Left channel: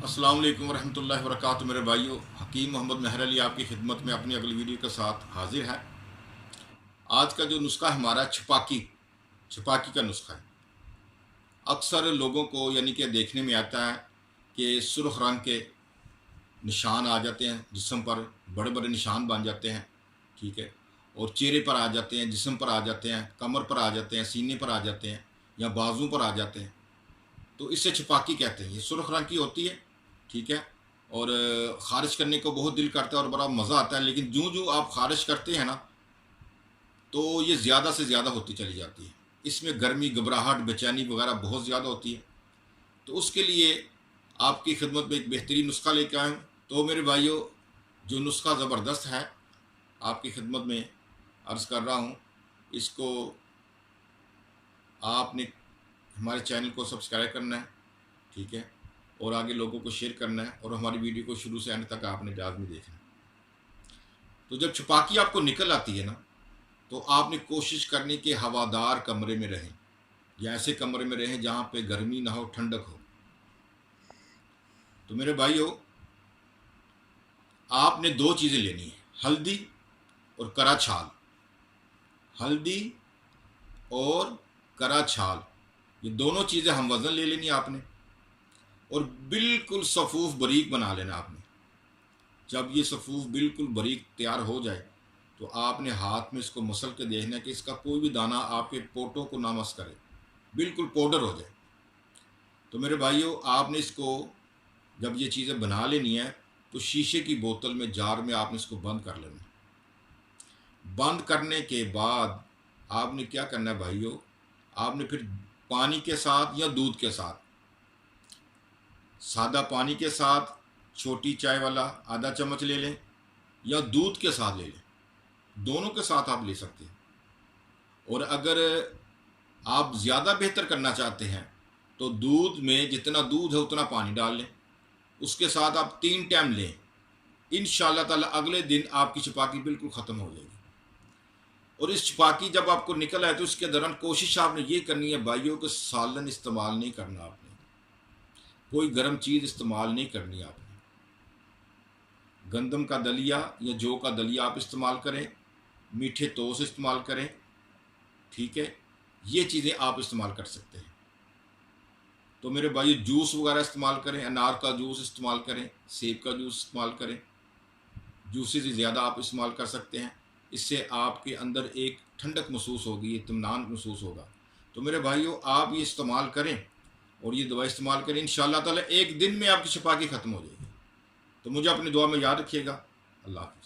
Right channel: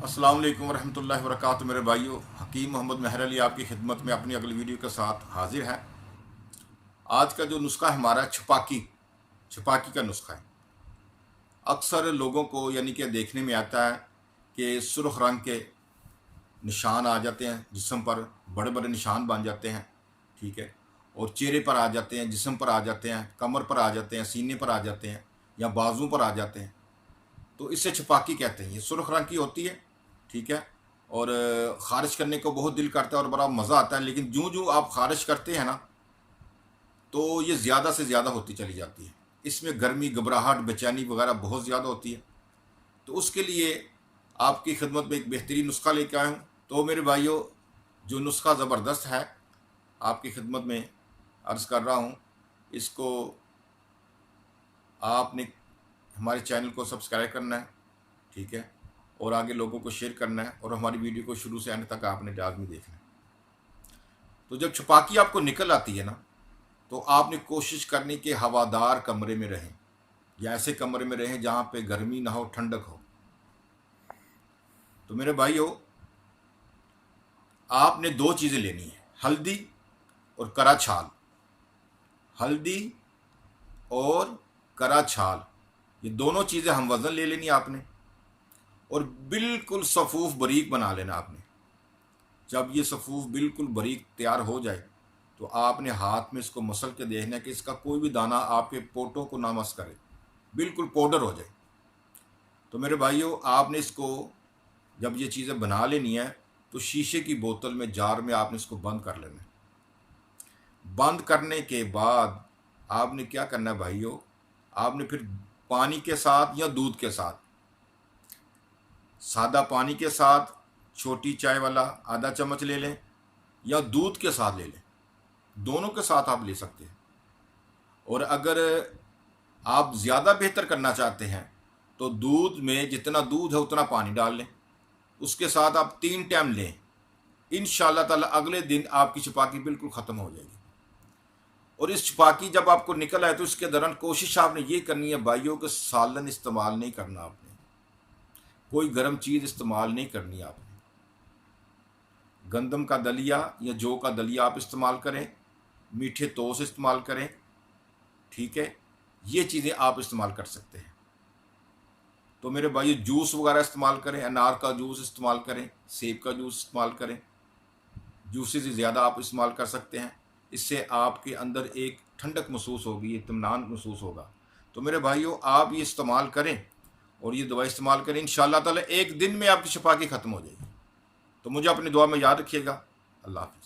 अस्सलाम वालेकुम वरहमतुल्लाहि वबरकातुहू। मेरे भाइयों, हकीम मोहम्मद महर अली आपकी खिदमत में अपनी अगली वीडियो के साथ हाजिर है। आज का जो नुस्खा है हमारा छपाकी छपाकी का नुस्खा है। अक्सर लोगों को यानी कि देखने में आता है कि सुर्ख रंग के निशान आ जाते हैं जिस्म पर, बड़े बड़े निशान बन जाते हैं, ठीक है। और चेहरे पर आ जाते हैं, जिस्म पर आ जाते हैं, कमर पर आ जाते हैं, सीने पर आ जाते हैं या बाजू पर आ जाते हैं। तो इससे छपाकी कहते हैं। ये सुर्ख रंग की होती है, ठीक है। और ख़ारिज करने को बहुत दिल करता है और बड़ा मज़ा आता है, लेकिन जूँ जूँ आप ख़ारिज करते हैं ना, तो ये ज़्यादा से ज़्यादा होती चली जाती है। इसमें गर्मी, घबराहट, बेचैनी वगैरह बहुत ज़्यादा होती है। तो उसके लिए आपकी खिदमत में एक बेहतरीन नुस्खा लेके आया हूँ। तो मेरे भाइयों, जो नुस्खा ज़बरदस्त है, आपकी खिदमत में अर्ज़ कर रहा हूँ। इसको आपने हमारे चैनल को सब्सक्राइब करना है, ठीक है, और आगे लोगों को शेयर करना है, और हमारी वीडियो को शुरू से एंड तक आपने लाज़मी देखना है। तो जब छपाकी आपको निकल आती है ना, तो आपने कोशिश करनी कि हवादार कमरे में रहें, या ऐसे कमरे में रहें जहाँ पे गर्मी ना हो, ठंडक हो। तो मेरे भाइयों, आपने दो चीज़ें लेनी है, हल्दी और करा छाल। हल्दी और करा छाल, ये दोनों चीज़ें हम वज़न ले लेनी आपने, और बिल्कुल सफ़ूफ़ बारीक बना लेना आपने। जब ये सफ़ूफ़ बिल्कुल बारीक तैयार हो जाए, तो आपने हाथ में इसको मसल के देखना है कि इसका कोई भी दाना आपके पोटों को ना मस करे, बिल्कुल पाउडर हो जाए। तो मेरे भाइयों, आपने इसको जब ये चीज़ें बना लेनी है, तो शीशे की बोतल में, जार में आपने इसको बंद कर लेना है। बंद करने के बाद आपने क्या करना है भाइयों, आपने फिर पानी के साथ या दूध के साथ, सादा पानी के साथ छोटी चाय वाला आधा चम्मच ले लें, या दूध के साथ ले लें, दोनों के साथ आप ले सकते हैं। और अगर आप ज़्यादा बेहतर करना चाहते हैं, तो दूध में जितना दूध है उतना पानी डाल लें, उसके साथ आप 3 टाइम लें। इंशाअल्लाह ताला अगले दिन आपकी छपाकी बिल्कुल ख़त्म हो जाएगी। और इस छपाकी जब आपको निकल आए, तो इसके दौरान कोशिश आपने ये करनी है भाइयों कि सालन इस्तेमाल नहीं करना आपने, कोई गर्म चीज़ इस्तेमाल नहीं करनी आपने। गंदम का दलिया या जौ का दलिया आप इस्तेमाल करें, मीठे तोस इस्तेमाल करें, ठीक है। ये चीज़ें आप इस्तेमाल कर सकते हैं। तो मेरे भाई, जूस वगैरह इस्तेमाल करें, अनार का जूस इस्तेमाल करें, सेब का जूस इस्तेमाल करें, जूसेस ज़्यादा आप इस्तेमाल कर सकते हैं। इससे आपके अंदर एक ठंडक महसूस होगी, इत्मीनान महसूस होगा। तो मेरे भाइयों, आप ये इस्तेमाल करें और ये दवाई इस्तेमाल करें, इंशाअल्लाह ताला एक दिन में आपकी छपाकी ख़त्म हो जाएगी। तो मुझे अपनी दुआ में याद रखिएगा। अल्लाह हाफ़िज़।